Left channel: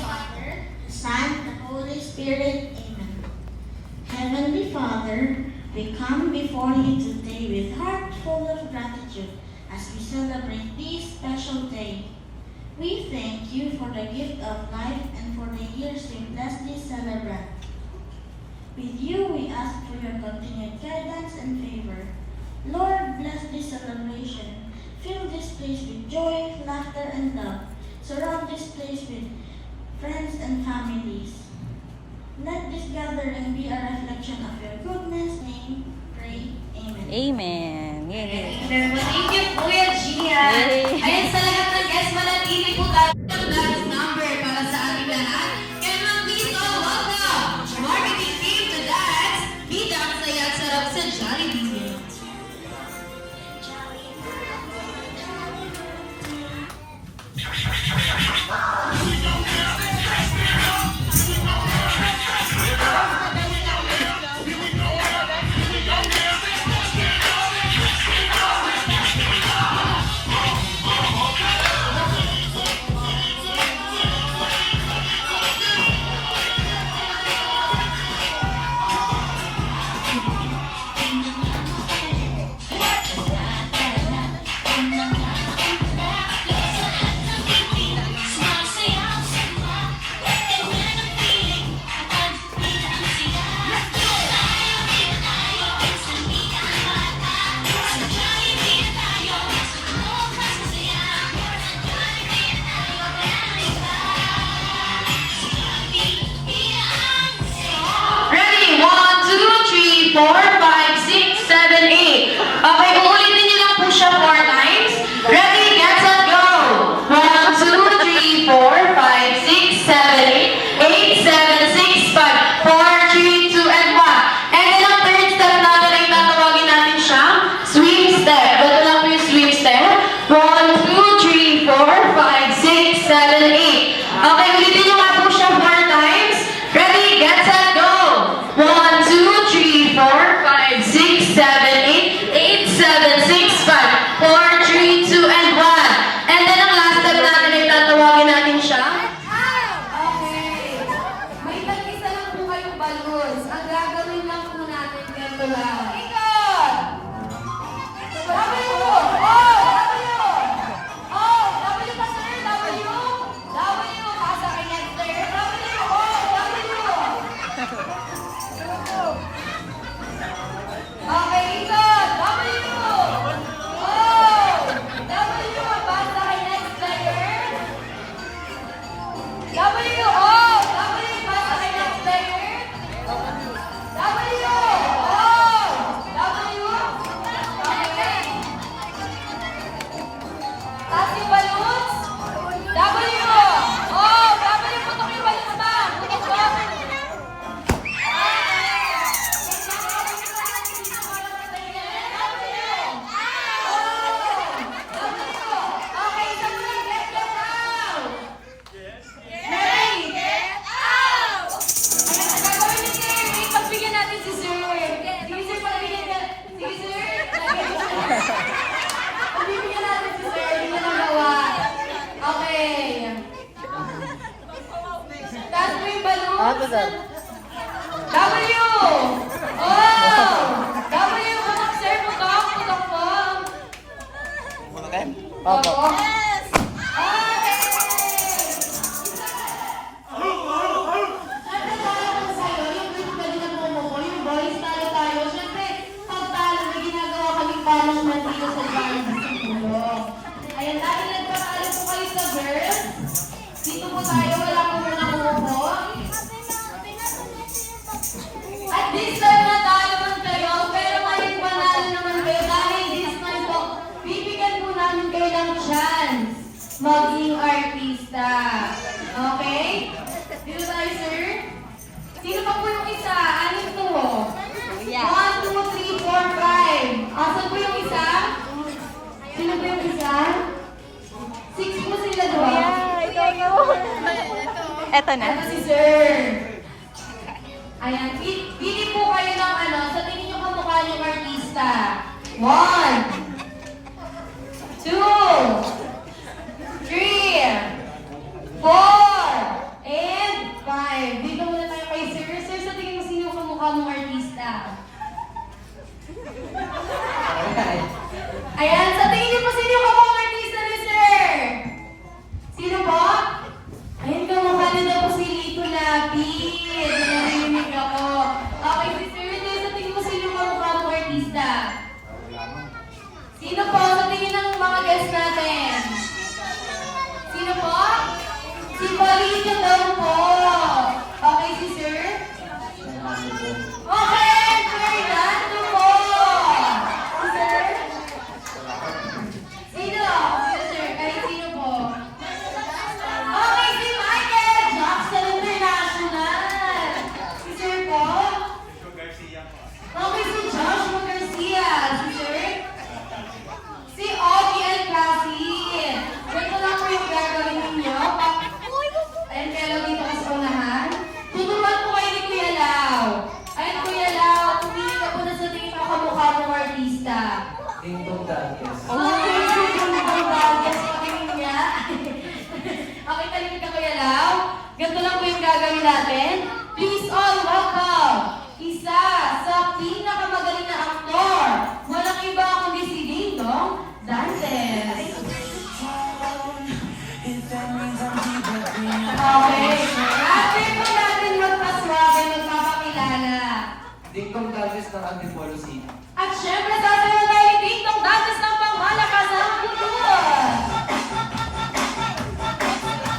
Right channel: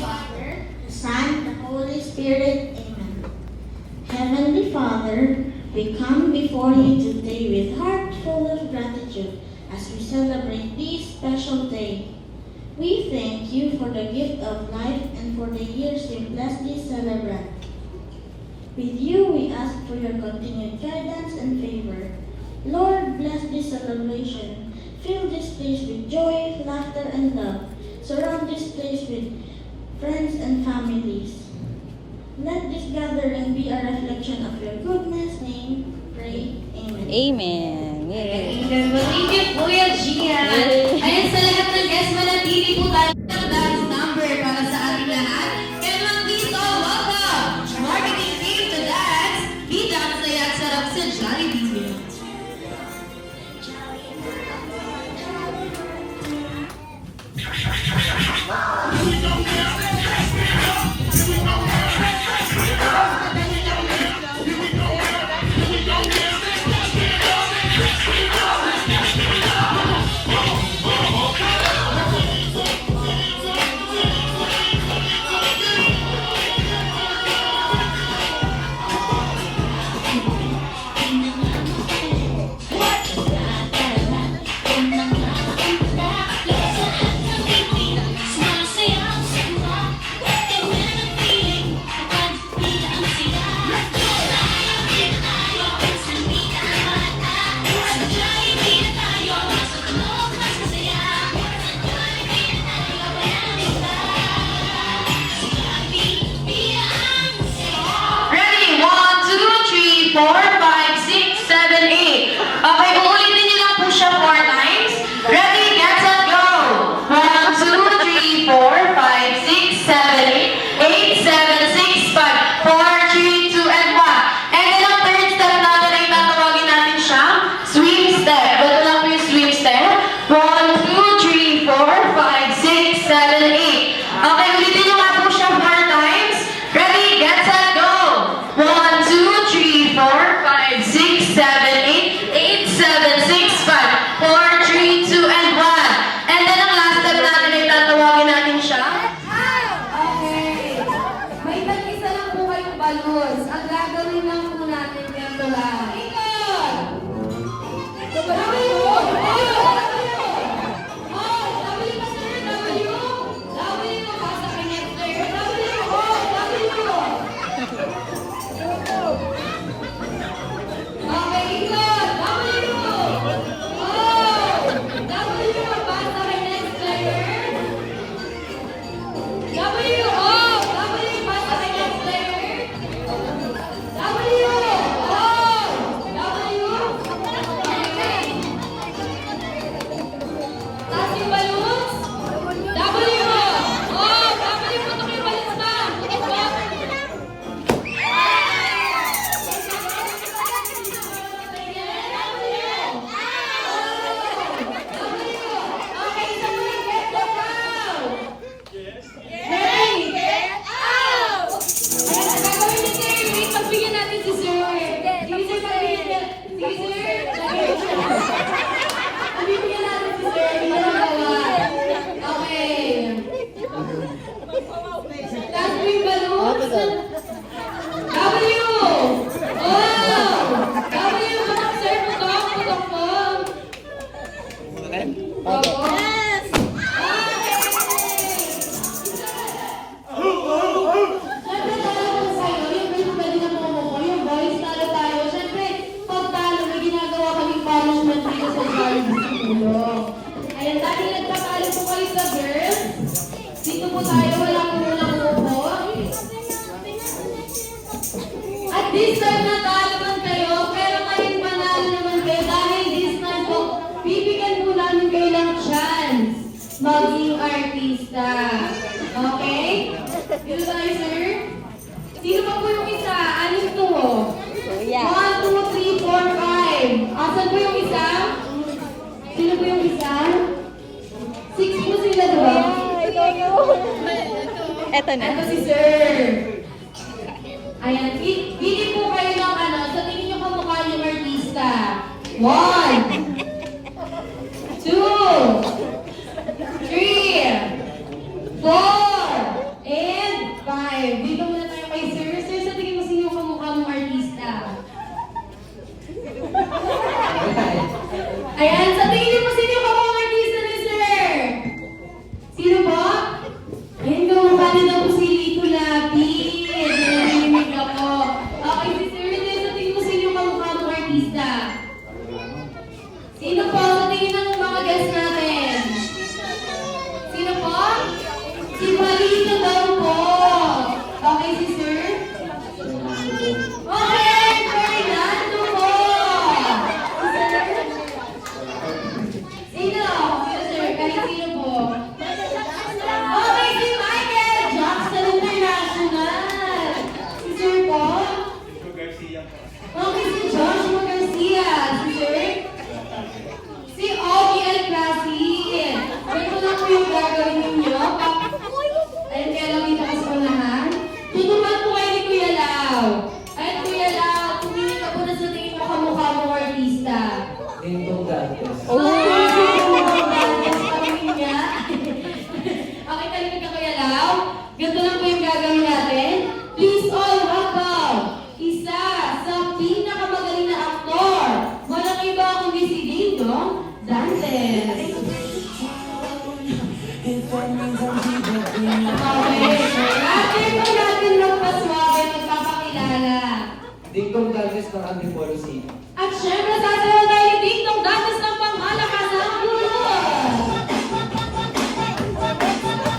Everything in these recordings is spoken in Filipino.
Father, the Son, and the Holy Spirit. Amen. Heavenly Father, we come before you today with heart full of gratitude as we celebrate this special day. We thank you for the gift of life and for the years we blessed this celebrant. With you, we ask for your continued guidance and favor. Lord, bless this celebration. Fill this place with joy, laughter, and love. Surround this place with friends and families. Let this gathering be a reflection of your goodness. Name, pray. Amen. Amen. Yay. Amen. Thank you, Kuya Gia. Ayun sa lahat ng guests, manatili po tayo ng last number para sa ating lahat. Kaya mga dito, welcome! Marketing team to dance. Bida ang saya at sarap sa Jollibee. Ready? 1, 2, 3, 4, 5, 6, 7, 8. Okay, uulitin niyo lang po siya 4 times. Ready, get set, go! 1, 2, 3, 4, 5, 6, 7, 8, 7, 6, 5, 4, 3, 2, and 1. And then ang third step natin ay tatawagin natin siyang swim step. Ito lang po yung swim step. 1, 2, 3, 4, 5, 6, 7, 8. Okay, ulitin niyo nga po siya 4 times. Ready, get set, go! 1, 2, 3, 4, 5, 6, 7, 8, 8, 7, 6, 5, 4, 3, 2, and 1. And then ang last step natin ay tatawagin natin siya. Okay. May tag-isa lang po kayong balloons. Ang gagawin lang po natin dito lang. Ikot! W! Oh! Oh! W pa sir! W! W! Pasa kay next player. W! Oh! W! Okay, ikot! W! Oh! W! Pasa kay next player. W! Oh! W! Pasa kay next player. W! Oh! W! Okay. Taas yung balloons. W! Oh! W! Putok yung balloons na. Putok ba? Okay, so muna, get the out! Ready? Get out! Ayan, gagawin ni Sir. Wait, pagbigyan natin si Sir. Sige, Sir, pagbigyan natin. Sige, Sir. Pagbigyan natin si Sir. Hindi mo nagawa. Okay. Taas mo yung balloons. W! Oh! W! Putok, Sir. Putok. Putok po. Opo. Yes! Siyempre, talo ko sa'yo. Yung group ka din ang mo. Yung boys, talo tayo. Siyempre, pag talo, may ginagawa kaming punishment dito sa Jollibee siguro. Ayan, dahil nagpapalo po kayo sa girls. Dito po tayo, wala po muna umupo. At this time, natalo man kayo, pero kahit panalo naman kayo, dahil this time po, bibigyan po namin kayo ng chance maging artista. Okay? Dito tayo, sir. Sino pa po yung isa? Anim to mo? 1, 2, 3, 4, 5. Asan po yung isa? Sino po yung isa? 6 po sila doon. Eto na. Ito si sir. Ayan, pili po kayo ng ano, sa tingin nyo kamukha yung artista. 1, 2, 3, 4, dito daw po. Okay, si sir? Okay, Fernando po. Sir? Sino? Sir, kahit sino po? Okay, si Michael Jackson International. Si sir po? Okay, si Joshua Garcia. Si sir? Si Ogie El Clasic. Ganito lang po yung gagawin ninyo. Ayun kaya lang dito kasi unahan. Tuturuan po kayo ni Kuya Lau. Ayun, Kuya Lau, tumili ka po na sa tingin mo kamukha mong artista. Dingdong Dantes. Okay, talimid ka Kuya Lau. Ganito lang po yung gagawin natin. Please all welcome. Isa sa pinakamagaling na aktor. Walang iba kundi si Dingdong Dantes. Okay. After po natin magpaswabe, magpapakilala. Dingdong Dantes ng Antipolo City. At syempre, sasayaw tayo ni Dingdong Dantes ng pangmalakas ng kulot.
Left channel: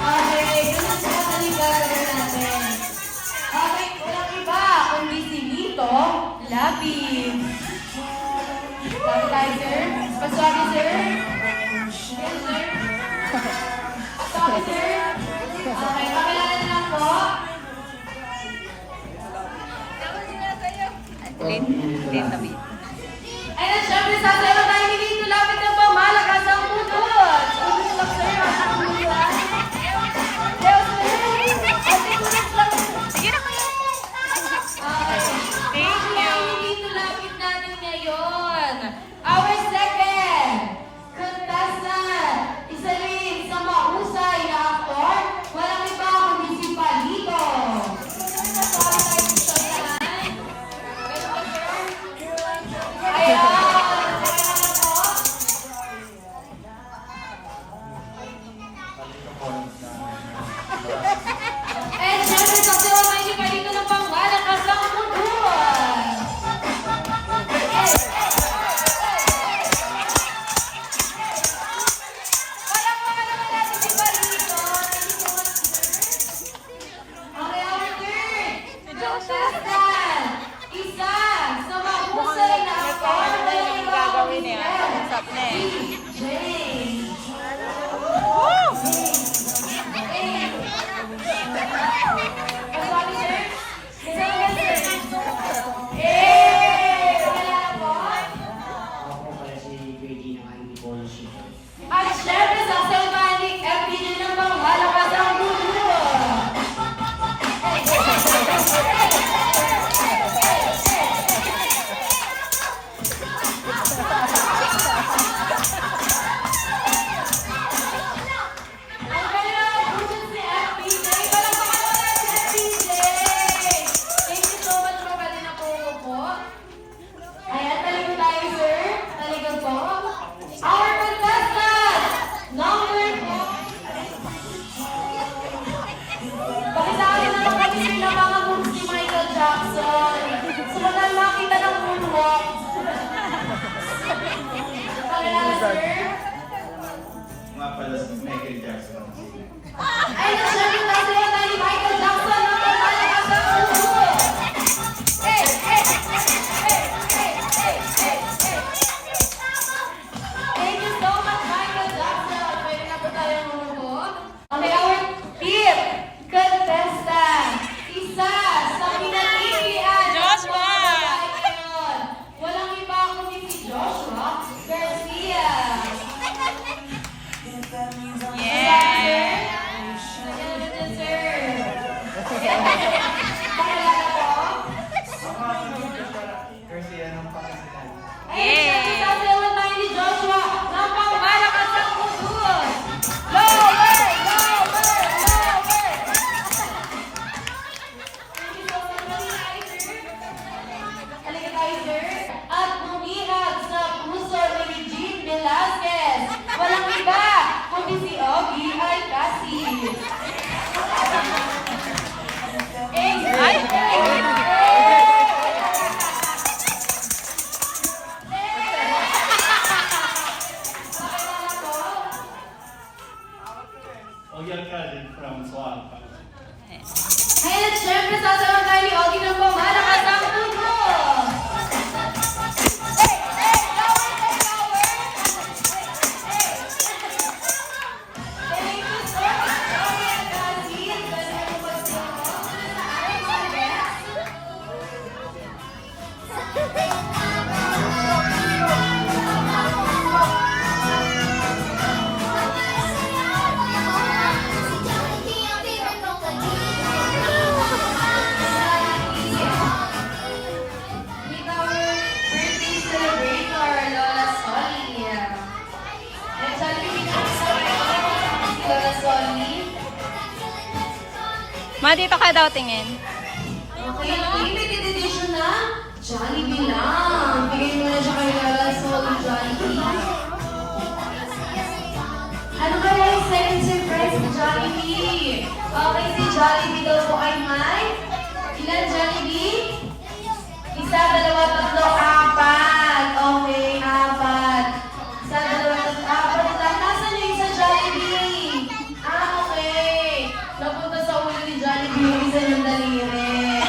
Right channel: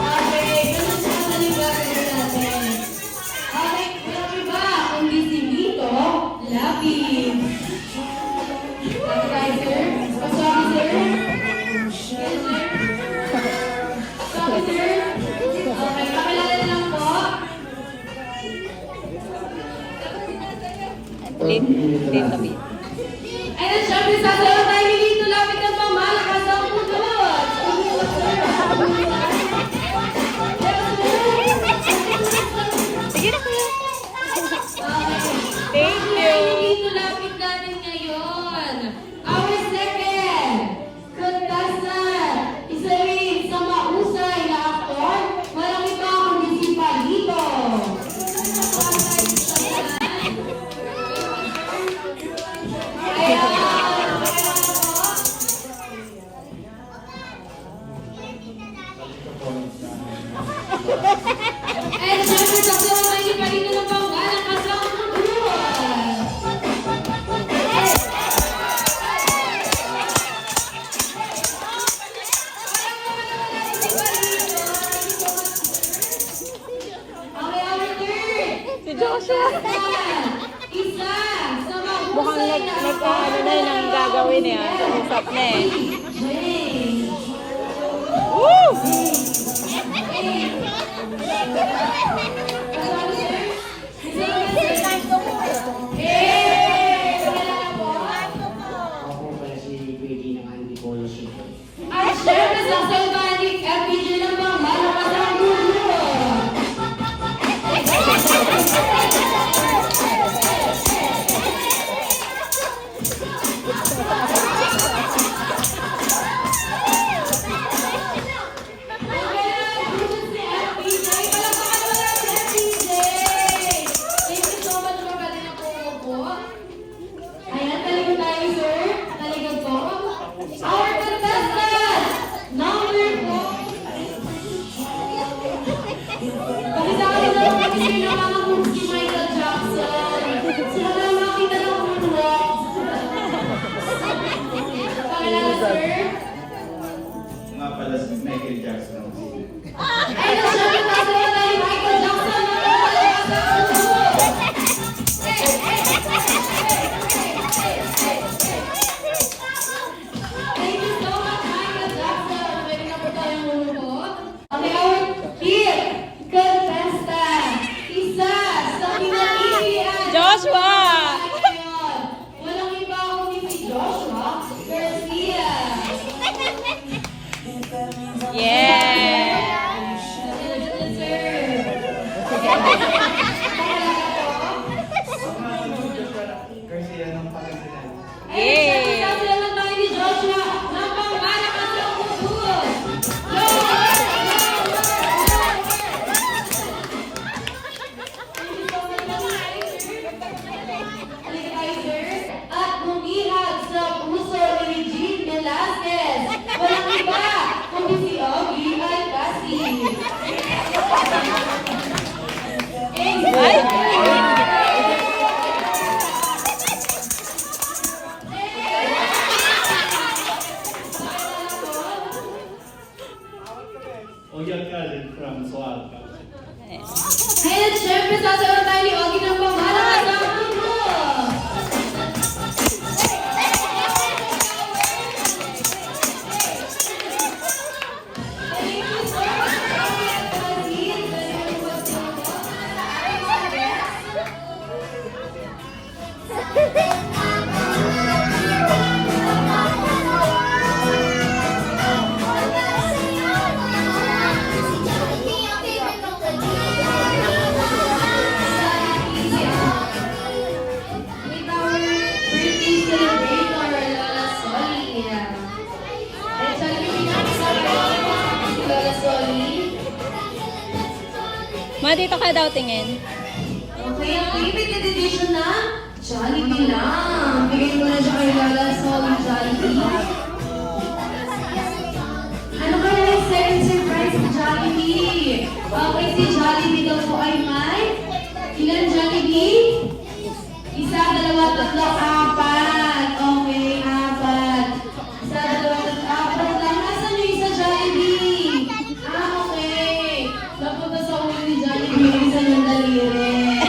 Okay, ganun sa kasaling gagawin natin. Okay, walang iba, kundi si Vito Lapid. Okay, sir? Paswabe, sir? Paswabe, sir? Okay, pakilala na lang po. Green na big. Ayun, syempre, sasayaw tayo ni Vito Lapid ng pangmalakas ng kulot. Thank you. Dito lapit natin ngayon. Our second contestant, isa rin sa mahusay na aktor, walang iba kundi si Palito. And syempre, sasayaw tayo ni Palito ng pangmalakas ng kulot. Okay, our third. Si Joshua. Isa sa mahusay na aktor na gagawin niya. James. Ako pala si Pwede ng Antipolo City. At syempre, sasayaw tayo ni FPJ ng pangmalakas ng kulot. Ayan, talikod tayo, sir. Talikod po. Our contestant, number 4. Pakitaan na lang kami, sir, ng mga moves ni Michael Jackson. So, walang makita ng moonwalk. Pakilala, sir. Nga pala si Michael Jackson. Ayun, syempre, tayo ni Michael Jackson ng pangmalakas ng kulot. Thank you so much, Michael Jackson. Pwede na po tayong lumuhod. Okay, our fifth contestant. Isa sa pinagigilian. Joshua! Walang iba kundi si Joshua Garcia. Ayun at syempre, sasayaw tayo ni Ogie ng pamahalakas ang mundo. Thank you so much, Ogie at Hazin. With our birthday celebrator, Lola Soli. At Jollibee na si Lola Soli. Ma, dito ka daw tingin. Okay, limited edition na Jollibee lang. Bigay mo na siya kay Lola Soli Jollibee. Ano ba na yung second surprise ni Jollibee? Okay, si Jollibee daw po ay may ilan Jollibee? Isa, dalawa, tatlo, apat. Okay, apat. Isa, dalawa, tatlo, apat lang. Nasaan yung isa Jollibee? Okay. Napunta sa ulo ni Jollibee yung isa yung daliri.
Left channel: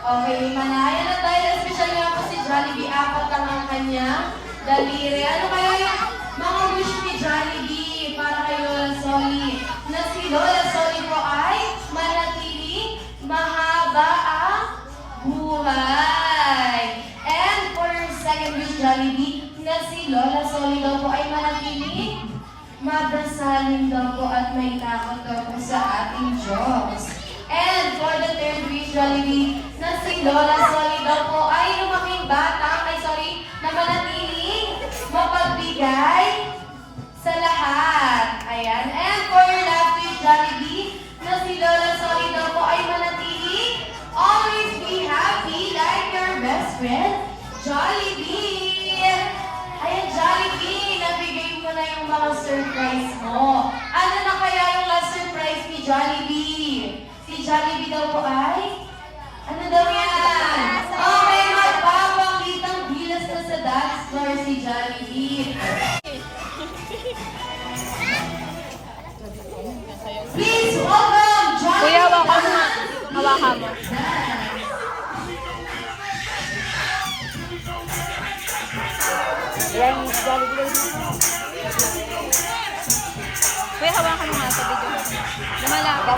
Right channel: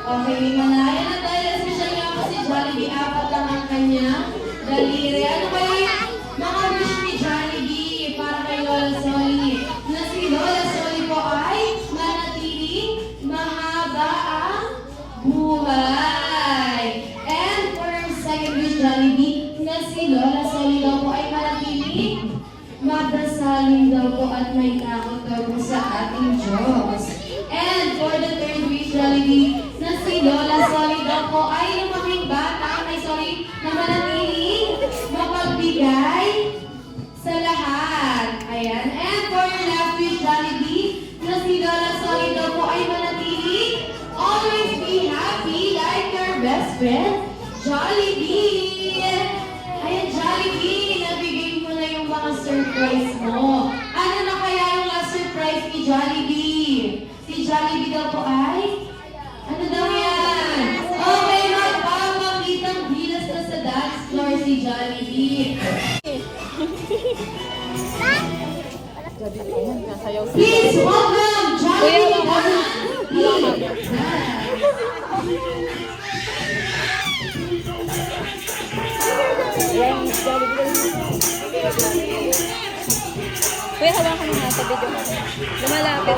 Okay, manaya na tayo. Espesyal nga po si Jollibee. Apat lang ang kanya daliri. Ano kaya yung mga wish ni Jollibee para kay Lola Soli? Na si Lola Soli po ay manatiling mahaba ang buhay. And for second wish, Jollibee, na si Lola Soli daw po ay manatiling madasalin daw po at may takot daw po sa ating Diyos. And for the third wish, Jollibee, na si Lola Soli daw po ay lumaking bata, na manatiling mapagbigay sa lahat. Ayan. And for last wish, Jollibee, na si Lola Soli daw po ay manatiling always be happy like your best friend, Jollibee. Ayan, Jollibee, nabibigay mo na yung mga surprise mo. Ano na kaya yung last surprise ni Jollibee? Si Jollibee daw po ay? Ano daw yan? Okay, magpapakitang bilas na sa dance floor si Jollibee. Please welcome Jollibee. Kuya, hawakan mo. Hawakan mo. Kuya, hawakan mo nga sa video mo. Lumalapit.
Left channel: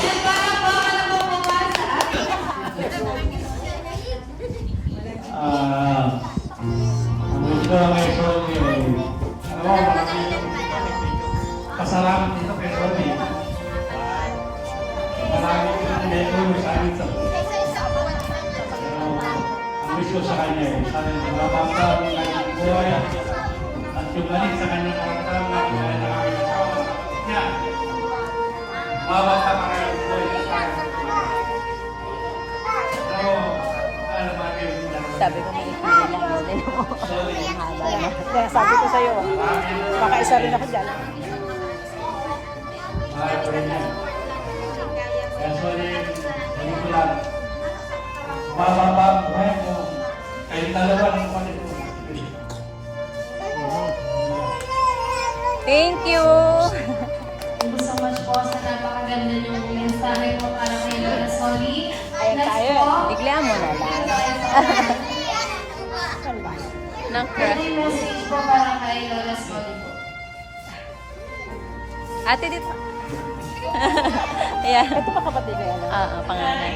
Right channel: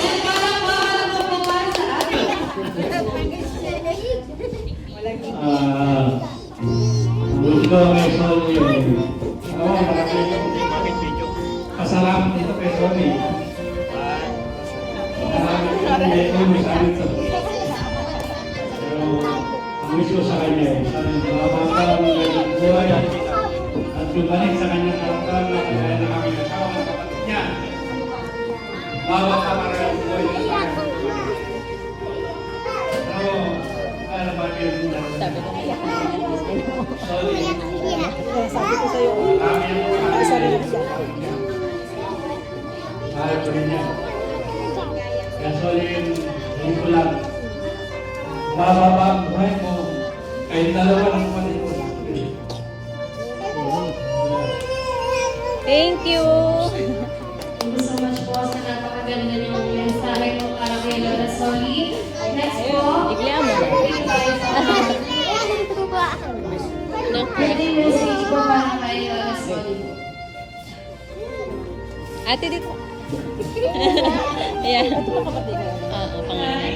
Yan para po ano ba po para sa atin? Gusto kay Soli yung pasalamat ito kay Soli. Maraming may sabi ito. Pero ang wish ko sa kanya sana yung malabangka ng kanyang buhay at yung galing sa kanyang karakter na kaya na kami asawa ng kapatid niya. Mabangka para yung buhay niya sa akin. Pero, ano ba yun? Sabi ko may lakas ng video mo. Soli. Kaya sabi ko sa'yo, makaisa rin ako dyan. Mahal ko rin yan. Kaya Soli, hindi ko lang. Mababa ang buhay mo. Kahit dalawa ng kapatid mo. Thank you! Thank you so much po sa napakaganda niyong mensahe po para kay Lola Soli. Next po, Igla mo na. Nakra. Birthday message po para kay Lola Sol. Ate dito. Ayan. Oo, pangalan.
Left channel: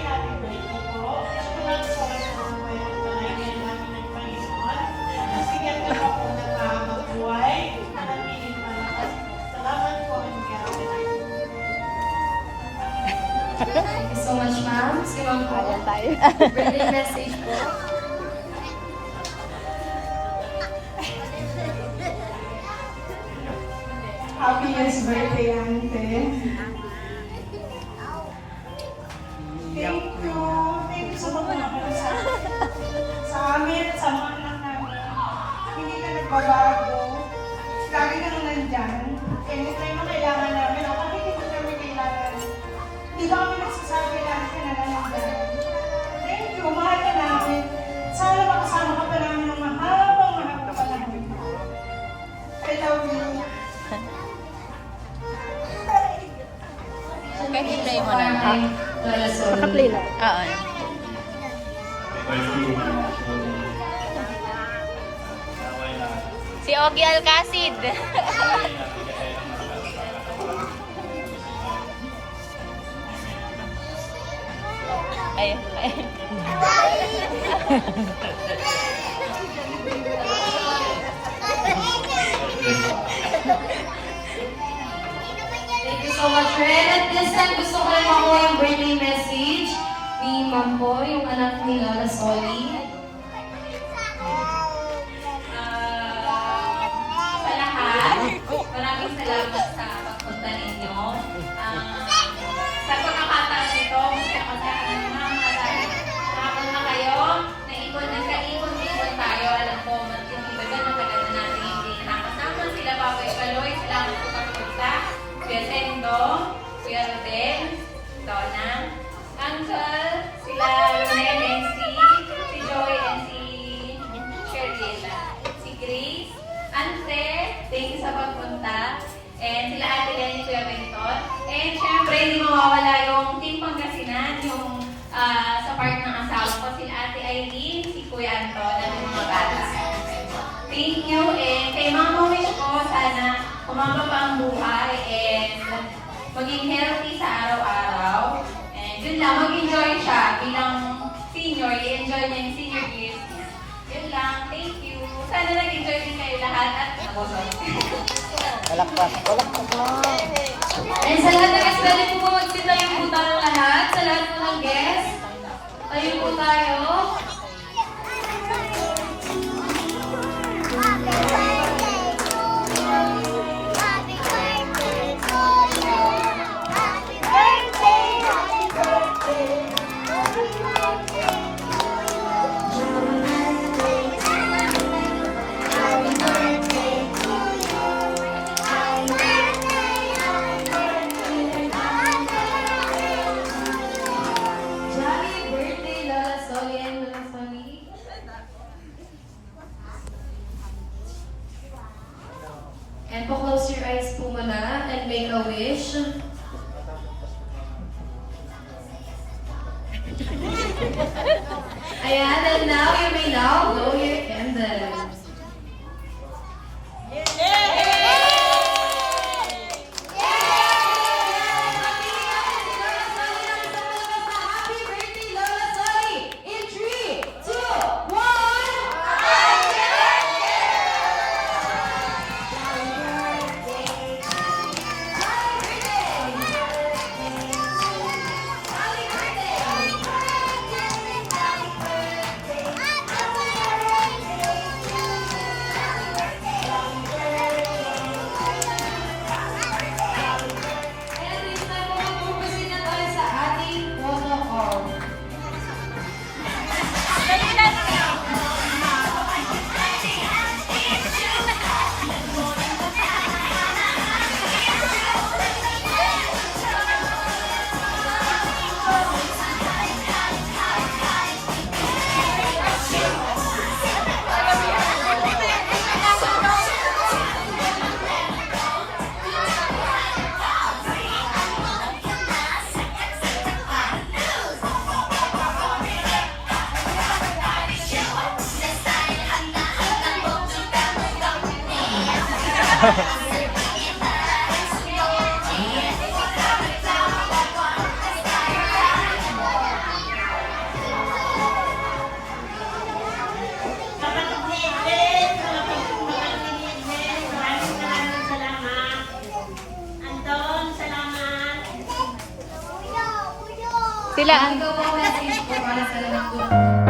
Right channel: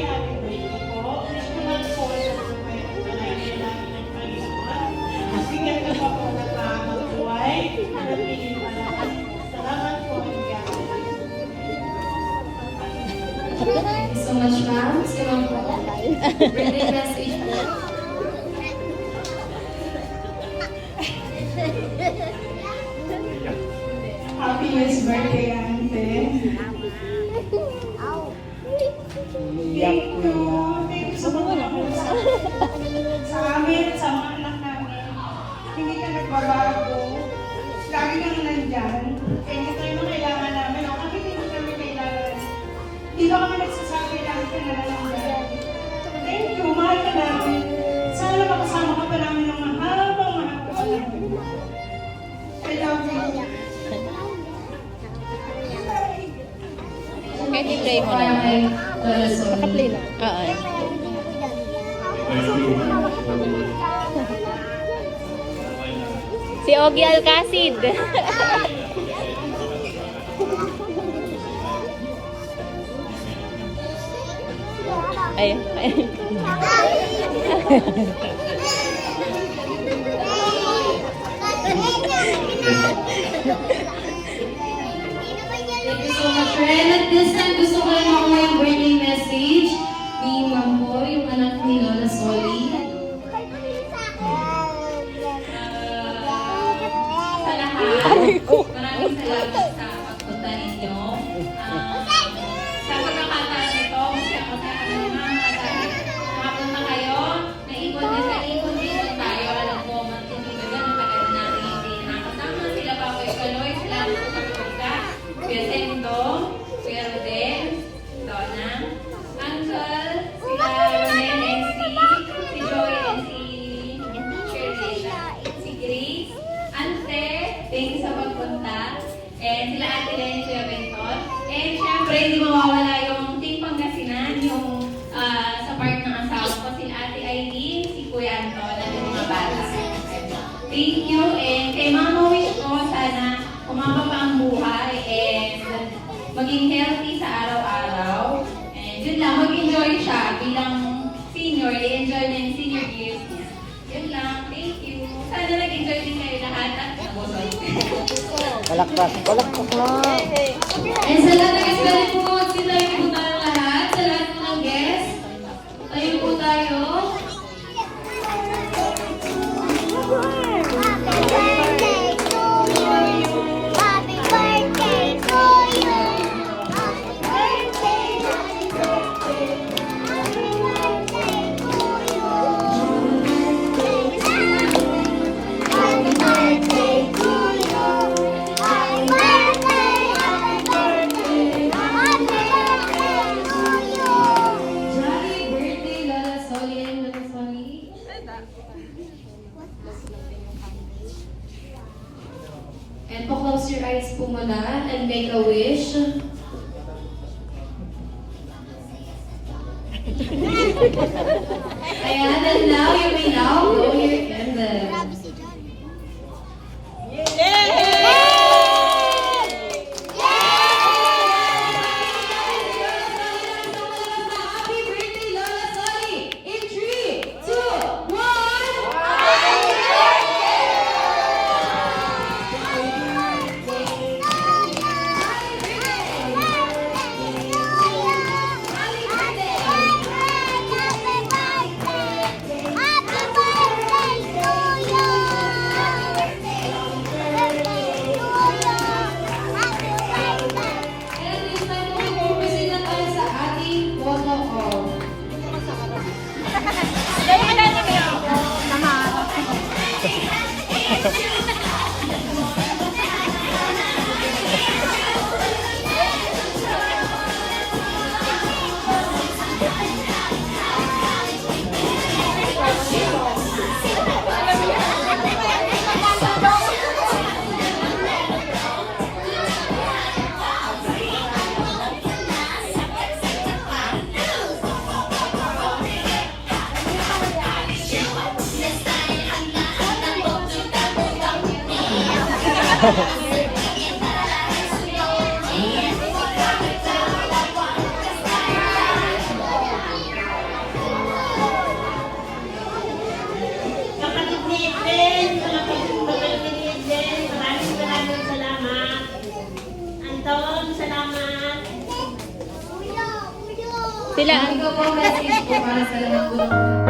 Thank you so much, ma'am. Si ma'am po. Birthday message po. Happiest birthday, Ante. Iyak ko yan. Thank you so much. Sa amin, sa mga anak namin, hindi ka nagbabago. Lagi kang nandyan. Anytime na kailangan namin, o kahit hindi namin kailangan, hindi na kami nagsasabi namin ka na lang yan. Thank you, mahal ka namin. Sana makasama ka pa namin ng mahabang panahon. I love you. Kahit i-play mo na Para lang. kay Lola Sol. Oo. Si Ogie Alcacid. Ayun. Thank you so much, friend. At this time, gusto ko lang makuha yung birthday message ni Ma'am po, yung anak ni Lola Soli. Sa lahat, maraming salamat sa pagpunta ninyo. Sa pagkakataon nito, kasi ako sa kanina, nakapunta kayo, naikot-ikot tayo. Alam ko, matinig-tagal, matagal na natin hindi nakasama. Sila Papa Ikaloy, salamat sa pagpunta. Kuya Sendo, Kuya Ruben, Donna, Uncle, sila Romen and si Joy and si Sherlina, si Grace, Ante, thank you sa pagpunta. And sila Ate Lenny, Kuya Benton. And syempre, hindi mawawala yung Team Pangasinan, yung sa part ng asawa ko, si Ate Aileen, si Kuya Anton, at yung mga bata. Thank you. And kay Mama Wish ko, sana umaba pa ang buhay and maging healthy sa araw-araw. And yun lang, mag-enjoy siya bilang senior, i-enjoy na yung senior years niya. Yun lang, thank you. Sana nag-enjoy din kayo lahat at nabosay. And sa lahat ng pwede po po magsitayo po tayo lahat. Sa lahat ng mga guests, tayo po tayo. Jolly birthday, Lola Soli and Lola Soli. And po close your eyes po muna and make a wish. Ayan, and now you may now blow your candles. Happy birthday, Lola Soli! In 3, 2, 1! Kapatid ni Eden, kapatid ni Eden, maraming salamat. Anton, salamat. Sila, Ano po message po para sa lahat po?